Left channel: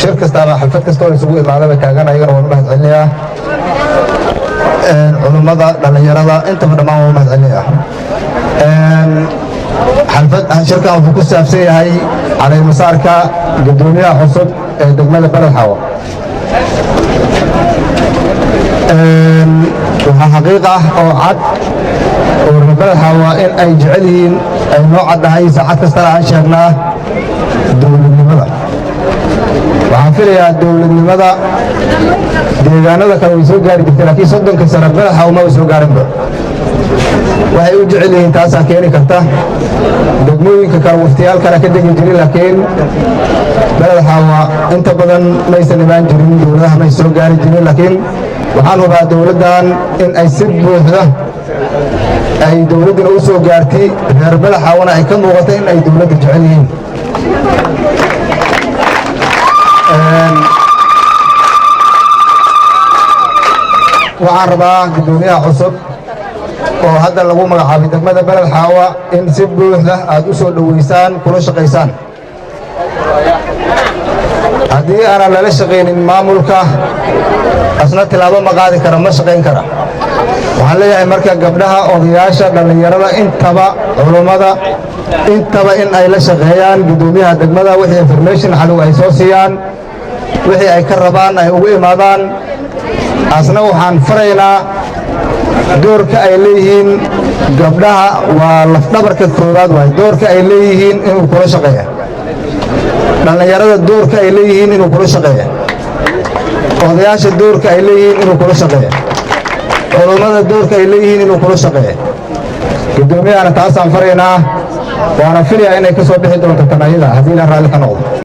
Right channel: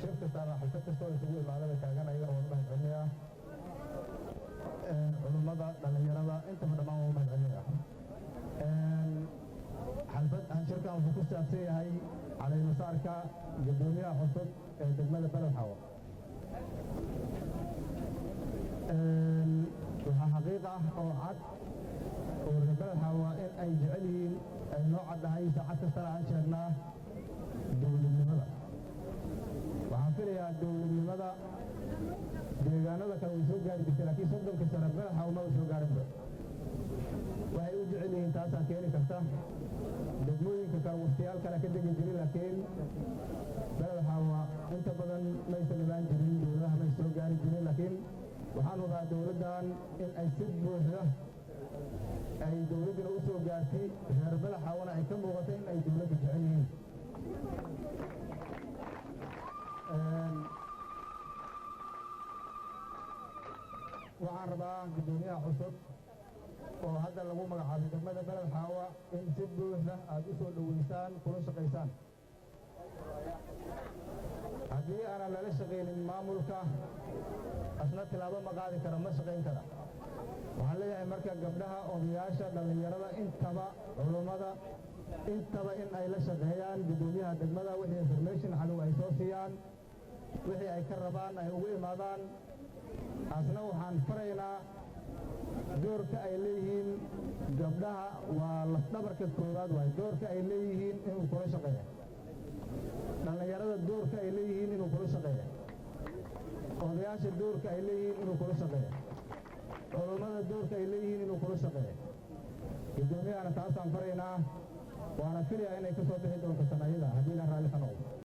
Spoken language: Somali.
shir kasta ama xaflad kasta oo isugu imaadaba taagan ayagana waan u mahadcelinayaa culummada dhalinyarada intaba dhammaan waan u mahadcelinayaa shirkan wuxuu ku saabsan yahay caleemasaarka gudoomiyaha cusub ee degmada Beled Xaawo waxaa xaqiiq ah oo cad oo Beled Xaawo in ay jecel yihiin ay noo caddahay saacad kastana aan sheegnaa dowladnimada waxaan filayaa dowladnimada deegaanada kale way soo gaari jirtay laakiin 30 sano Beled Xaawo ma soo gaarinba waxay u jecel yihiin taasaa keeni karta degmooyinka kale waqtiyaal kale ka degi jiray laakiin Beled Xaawo inta badan maysan imaan jirin dowladaha may soo gaari jirin laakiin waxaan hubaa dowladdan in ay si buuxda ay dowladdana u soo gaartay reer Beled Xaawona ay ka muuqato in ay dowladda jecel yihiin waxaan rabaa gudoomiyaha cusub oo hadda lagu magacaabay degmada Beled Xaawo in si buuxda aad u soo dhaweysaan kula shaqaysaan haddii aanan lala shaqaynin maamulka asna tilaabo ma qaadi kara ma shaqayn kara waxaan leeyahay marka gabdhaha odayaasha dhalinyarada intaba culummada intaba in ay la shaqeeyaan gudoomiyaha degmada wixii information xalu ay soo siiyaan wixii ay ka rabaan ay ugu imaadaan asna waxaan faraynaa doorka ay leeyihiin gabdhaha waa lafdhabarka koowaad waay doorka ay leeyihiin inuu kula shaqeeyo dhalinyarada doorka ay leeyihiin inuu kula shaqeeyo odayaasha doorka ay leeyihiin inuu kula shaqeeyo culummada doorka ay leeyihiin inuu kula shaqeeyo gudoomiyahana taasaan faraynaa waana filayaa inay ka soo bixi doonto tanayada haddii la raalli ka noqdo